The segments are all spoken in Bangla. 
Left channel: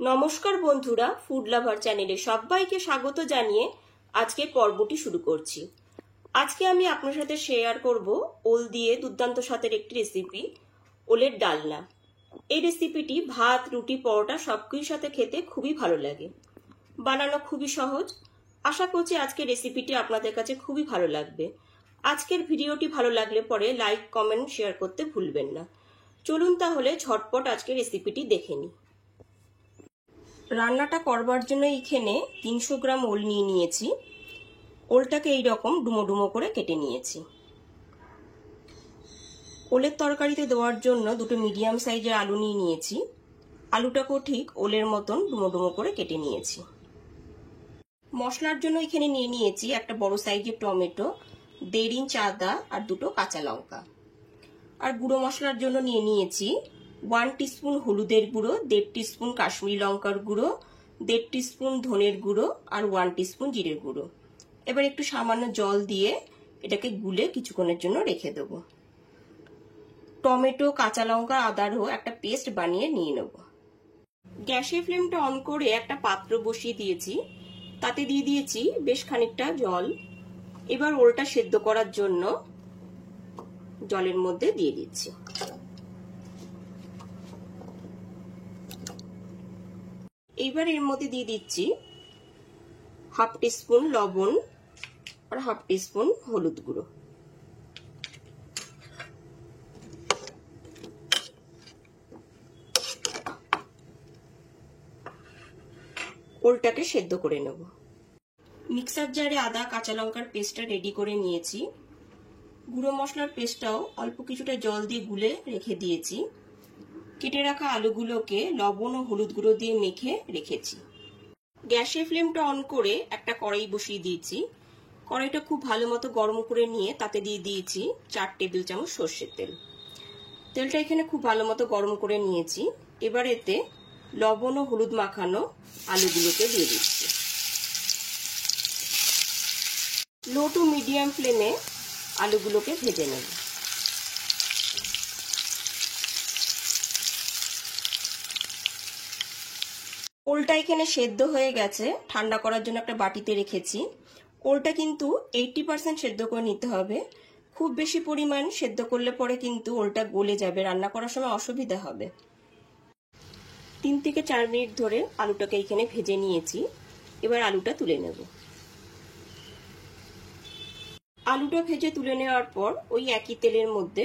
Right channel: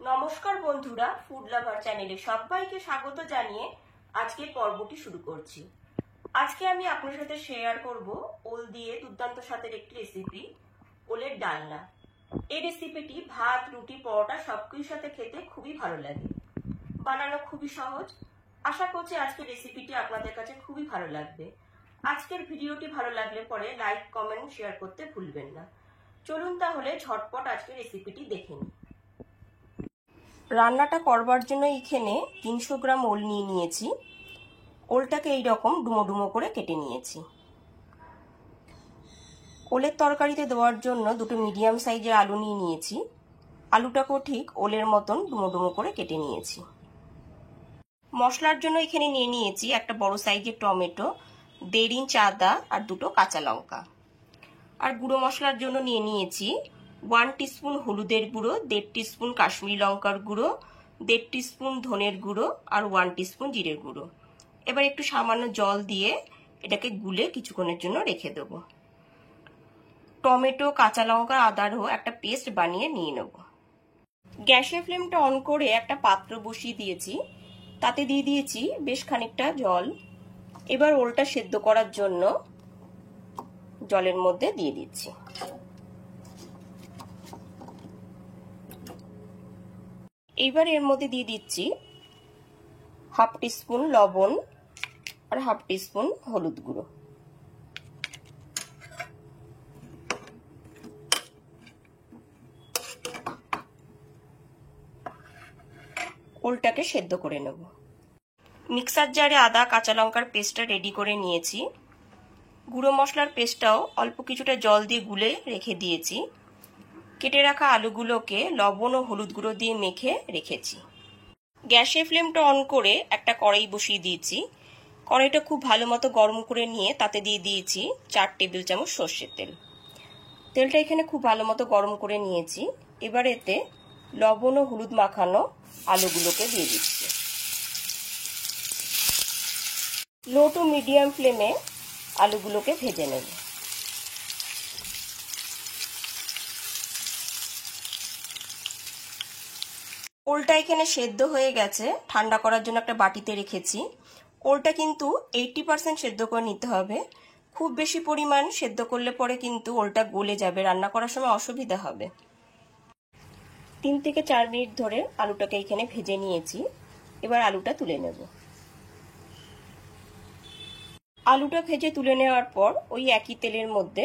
নমস্কার বন্ধুরা, ফুড লাভার চ্যানেলে সবাইকে স্বাগত জানিয়ে আজকের পর্বটি শুরু করছি। আজকে আমি আপনার সাথে শেয়ার করব ওল দিয়ে দুর্দান্ত স্বাদের একটি রেসিপি, ওলের ডালনা। এই রেসিপিটি ভাত, রুটি, পরোটা সবকিছুর সাথে খেতে খুবই ভালো লাগে। বানানো খুবই সহজ। আশা করছি আজকের রেসিপিটি আপনাদের কাছে খুবই ভালো লাগবে। আজকের ভিডিওটি ভালো লাগলে পরে লাইক, কমেন্ট, শেয়ার করতে ভুলবেন না। চলুন তাহলে ঝটপট আজকের রেসিপিটি দেখে নিই। রান্নাটা করবার জন্য এখানে 300 গ্রাম ওল নিয়ে নিয়েছি। ওলটাকে এইরকম ডুমো ডুমো করে কেটে নিয়েছি। ওলের তরকারিতে দেওয়ার জন্য দুটো মিডিয়াম সাইজের আলু নিয়ে নিয়েছি। আলুটাকেও ঠিক ওলের মতন ডুমো ডুমো করে কেটে নিয়েছি। মশলার জন্য এখানে নিয়ে নিয়েছি একটা বড় সাইজের টমেটো, 1.5 ইঞ্চ আদা আর 2 কাঁচা লঙ্কা। আর গুঁড়ো মশলার জন্য নিয়ে নিয়েছি 1 টিস্পুন হলুদের গুঁড়ো, 1.5 টিস্পুন কাশ্মীরি লঙ্কার গুঁড়ো, 1.5 টিস্পুন ধনের গুঁড়ো আর 1 টিস্পুন জিরের গুঁড়ো। এবার একটু সামান্য জল দিয়ে এটাকে গুলে কিছুক্ষণের জন্য রেখে দেব। টমেটো, কাঁচা লঙ্কা, আদারও একটা পেস্ট বানিয়ে নিয়ে নেব। গ্যাসের ফ্লেমটা অন করে একটা পাত্র বসিয়ে দিয়েছি। তাতে দিয়ে দিয়েছি বেশ খানিকটা জল। এবার ওলটা সেদ্ধ করার জন্য জলের মধ্যে দিয়ে দিচ্ছি। এইবার এর মধ্যে দিয়ে দিচ্ছি 1/2 টিস্পুন লবণ আর 1/2 টিস্পুন হলুদ গুঁড়ো। ওলটাকে সেদ্ধ করে নেব। মিক্সার জারে আদা, কাঁচা লঙ্কার পেস্টটা রেডি করে নিয়েছি। গুঁড়ো মশলার পেস্টটাও অল্প কিছুটা জল দিয়ে গুলে রেখে দিয়েছি। কেটে রাখা আলুগুলোকে লবণ ও হলুদ গুঁড়ো দিয়ে মেখে রেখেছি। গ্যাসের ফ্লেমটা অন করে একটা কড়াই বসিয়ে দিয়েছি। কড়াইটা খুব ভালো মতো গরম করে নিয়ে তাতে দিয়ে দিয়েছি 4 টেবিল চামচ সর্ষের তেল। তেলটা এখানে খুব ভালো মতো গরম করে নিয়েছি। এবার এতে লবণ ও হলুদ মাখানো আলুগুলোকে দিয়ে দিচ্ছি। লো টু মিডিয়াম ফ্লেমে আলুগুলোকে ভেজে নেব। ওলটা এখানে সেদ্ধ হয়ে গেছে। ঠান্ডা করার জন্য একটা বাটিতে রেখেছি। ওলটা কিন্তু 80% সেদ্ধ করে নিতে হবে। খুব বেশি পরিমাণ সেদ্ধ করলে পরে কিন্তু ওলটা গলে যাবে, রান্না করার সময় অসুবিধা হবে। 3 থেকে 4 মিনিট ধরে আলুটাকে এখানে ভেজে নিয়েছি। এবার আলুটা তুলে নেব। আলুটা ভেজে তুলে নেওয়ার পর ওই একই তেলের মধ্যে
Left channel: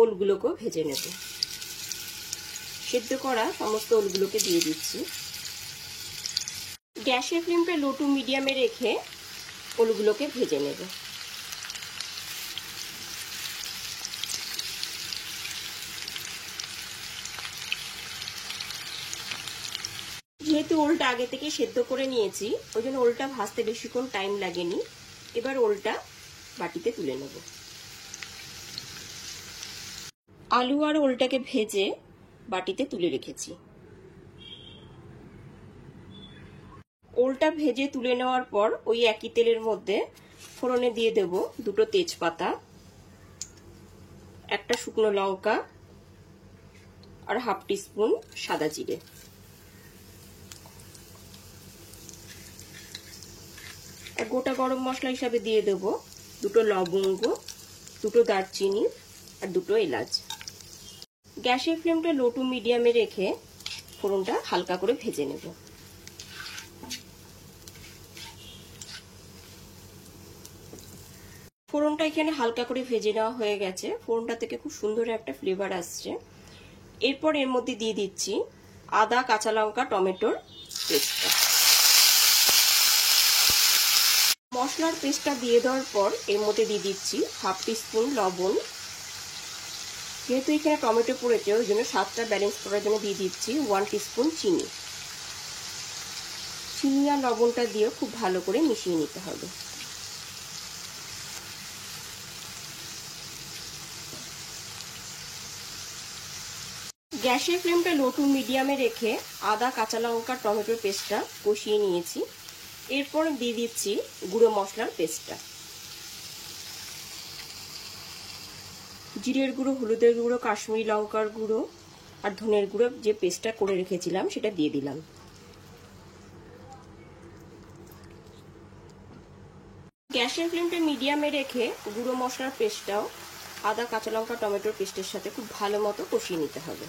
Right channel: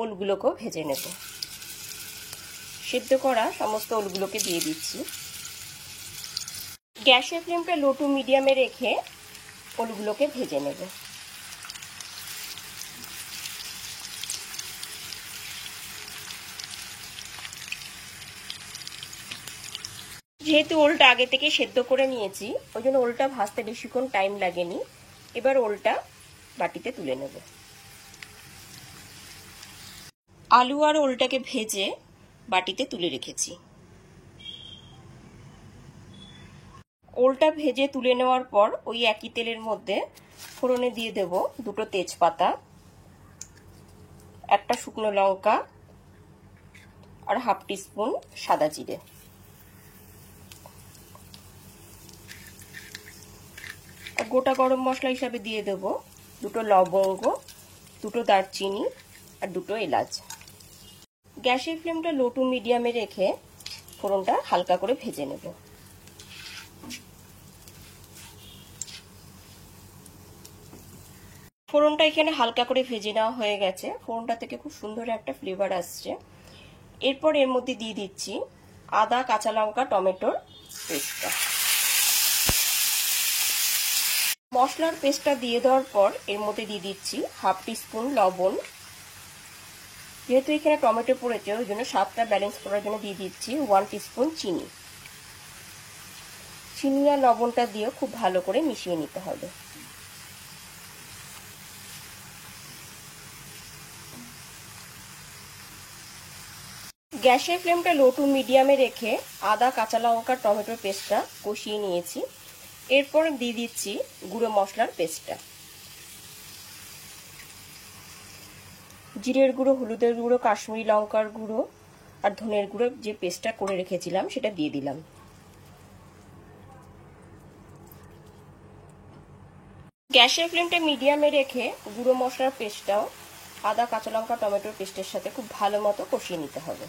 ওলগুলোকেও ভেজে নেব। সেদ্ধ করা সমস্ত ওলগুলোকে দিয়ে দিচ্ছি। গ্যাসের ফ্লেমটা লো টু মিডিয়ামে রেখে ওলগুলোকে ভেজে নেব। যেহেতু ওলটা আগে থেকে সেদ্ধ করে নিয়েছি, ওই জন্য ওলটা ভাজতে বেশিক্ষণ টাইম লাগেনি। এবার ওলটা বাটিতে তুলে নেব। আলু আর ওলটাকে ভেজে বাটিতে তুলে রেখেছি। ওলটা ভেজে তুলে নেওয়ার পর ওই একই তেলের মধ্যে ফোড়নে দিয়ে দেব 2 তেজপাতা, একটা শুকনো লঙ্কা আর 1/2 টিস্পুন সাদা জিরে। আর গোটা গরম মশলা হিসাবে দিয়ে দেব 2 লবঙ্গ, 2 দারচিনি আর 2 এলাচ। গ্যাসের ফ্লেমটা লো টু মিডিয়ামে রেখে ফোড়নটা হালকা করে ভেজে নেব। ফোড়নটা এখানে হালকা করে ভেজে নেওয়া হয়ে গেছে। ফোড়নটা থেকে খুব সুন্দর একটা ফ্লেভার আসছে। এরপর এর মধ্যে দিয়ে দিচ্ছি আদা, কাঁচা লঙ্কা, টমেটোর পেস্টটা। মশলার পেস্টটা দিয়ে দেওয়ার পর এর মধ্যে দিয়ে দিচ্ছি 1/2 টিস্পুন লবণ। যেহেতু এখানে টমেটো পড়েছে ওই জন্য স্বাদটা ব্যালেন্স করার জন্য দিয়ে দিচ্ছি 1 টিস্পুন চিনি। চিনি আর লবণটা দিয়ে খুব ভালো করে মিশিয়ে নিতে হবে। গ্যাসের ফ্লেমটা লো টু মিডিয়ামে রেখে আদা, কাঁচা লঙ্কা, টমেটোর পেস্টটা কষিয়ে নিয়েছি। এরপর দিয়ে দিচ্ছি গুঁড়ো মশলার পেস্টটা। জিরের গুঁড়ো, হলুদের গুঁড়ো, কাশ্মীরি লঙ্কার গুঁড়ো আর ধনের গুঁড়ো যে পেস্টটা করে রেখেছিলাম সেটা দিয়ে দিলাম। গ্যাসের ফ্লেমটা মিডিয়ামে রেখে গুঁড়ো মশলার পেস্টটাও আদা কাঁচা লঙ্কা টমেটোর পেস্টের সাথে খুব ভালো মতো কষিয়ে নিতে হবে।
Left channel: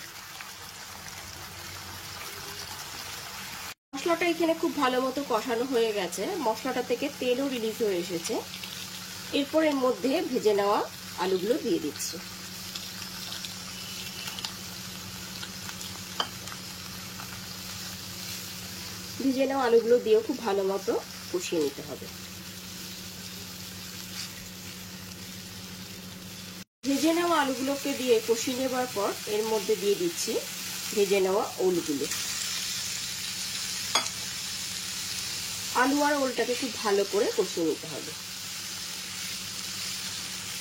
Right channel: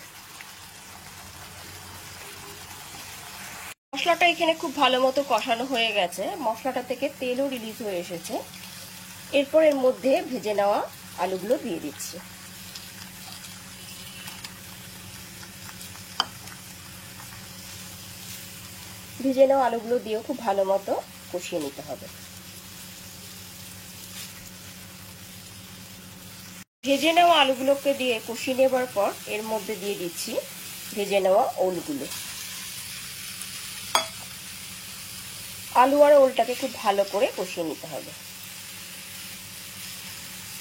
মশলাটা এখানে খুব ভালো মতো কষানো হয়ে গেছে, মশলাটা থেকে তেলও রিলিজ হয়ে এসেছে। এরপর এর মধ্যে ভেজে নেওয়া আলুগুলো দিয়ে দিচ্ছি। ভেজে নেওয়া আলুগুলো দিয়েও খুব ভালো মতো কষিয়ে নিতে হবে। ভেজে নেওয়া আলুগুলোকে দিয়ে কষিয়ে নেবার পর এর মধ্যে দিয়ে দিচ্ছি ভেজে নেওয়া ওলগুলো। আলু আর ওলটাকে খুব ভালো করে কষিয়ে নিতে হবে।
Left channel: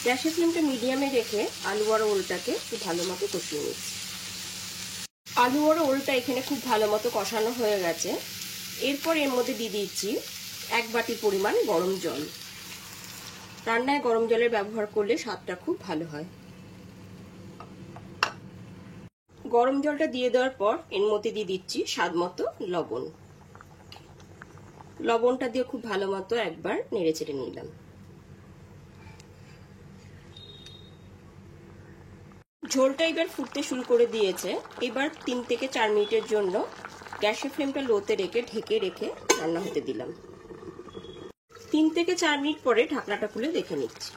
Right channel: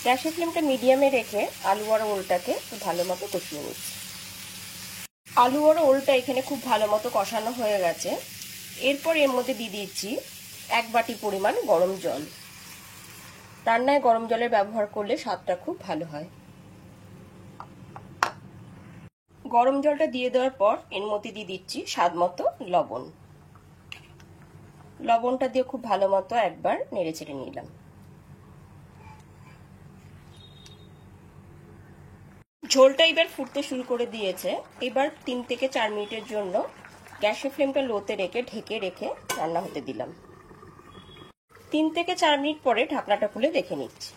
গ্যাসের ফ্লেমটা মিডিয়ামে রেখে আলু আর ওলটাকে খুব ভালো মতো কষিয়ে নিচ্ছি। আলু আর ওলটা এখানে খুব ভালো মতো কষানো হয়ে গেছে। এরপর এর মধ্যে দিয়ে দিচ্ছি 1 বাটি পরিমাণ গরম জল। রান্নায় গরম জলের ব্যবহার করলে স্বাদটা খুব ভালো হয়। গরম জলটা দিয়ে দেওয়ার পর এর মধ্যে দিয়ে দিচ্ছি স্বাদ মতো লবণ। লবণটা দিয়ে খুব ভালো মতো একবার নেড়ে চেড়ে নিলাম। ঝোলটা এবার ফুটতে শুরু করে দিয়েছে। এবার 3 থেকে 4 মিনিটের জন্য গ্যাসের ফ্লেমটা লোতে রেখে ঢেকে রেখে রান্না হতে দিলাম। 3 থেকে 4 মিনিট পরে ঢাকনাটা খুলে দেখে নিচ্ছি।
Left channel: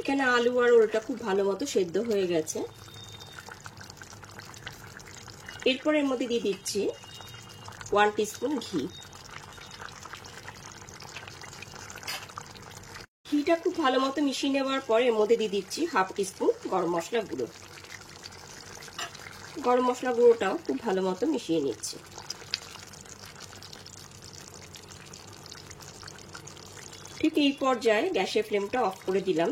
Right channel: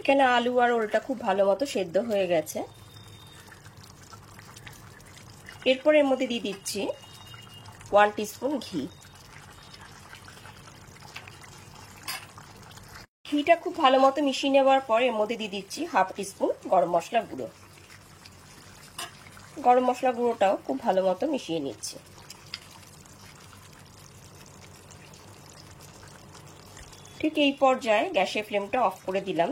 এখানে আলু আর ওলটা খুব ভালো মতো সেদ্ধ হয়ে গেছে। এরপর এর মধ্যে দিয়ে দিচ্ছি 1 টিস্পুন ঘি। ঘিটা খুব ভালো মতো মিশিয়ে নেওয়ার পর এর মধ্যে দিয়ে দিচ্ছি 1/2 টিস্পুন গরম মশলা গুঁড়ো। গরম মশলা গুঁড়োটাও খুব ভালো মতো মিশিয়ে নিচ্ছি। ঠিক এই পর্যায়ে গ্যাসের ফ্লেমটা অফ করে দিলাম,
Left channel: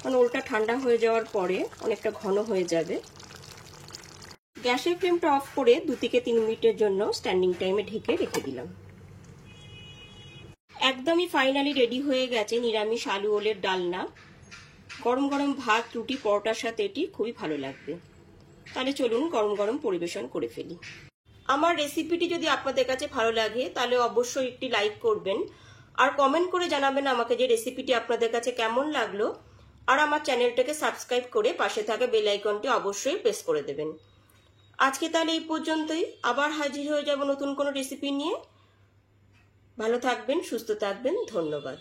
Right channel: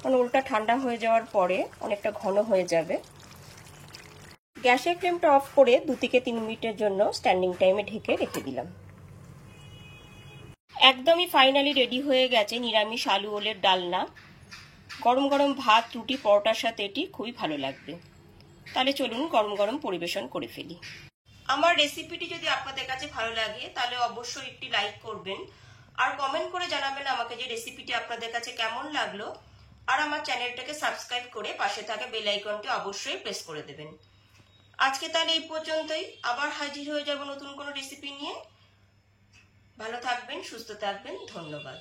কারণ ওলটা ঠান্ডা হয়ে যাওয়ার পরে অনেকটা ঘন হয়ে যাবে। গ্যাসের ফ্লেমটা অফ করে 2 থেকে 3 মিনিটের জন্য স্ট্যান্ডিং টাইমে ঢেকে রেখে দিলাম। একদমই ফাইনালি রেডি হয়ে গেছে নিরামিষ আলু ওলের ডালনা। গরম গরম ভাত, রুটি, পরোটার সাথে এটি খুবই ভালো লাগবে। তাহলে চলুন গরম গরম পরিবেশন করে ফেলি। আমার রেসিপিটি যদি আপনাদের কাছে ভালো লাগে তাহলে অবশ্যই একটি লাইক করবেন আর কমেন্ট করে জানাবেন আমাকে যে রেসিপিটি আপনাদের কাছে কেমন লাগলো। আর আমার চ্যানেলটাকে সাবস্ক্রাইব করে পাশে থাকা বেল আইকনটি অবশ্যই প্রেস করে দেবেন। আজকে তাহলে এই পর্যন্তই, আবার হাজির হয়ে যাব নতুন কোনো রেসিপি নিয়ে। ভালো থাকবেন, সুস্থ থাকবেন, ধন্যবাদ।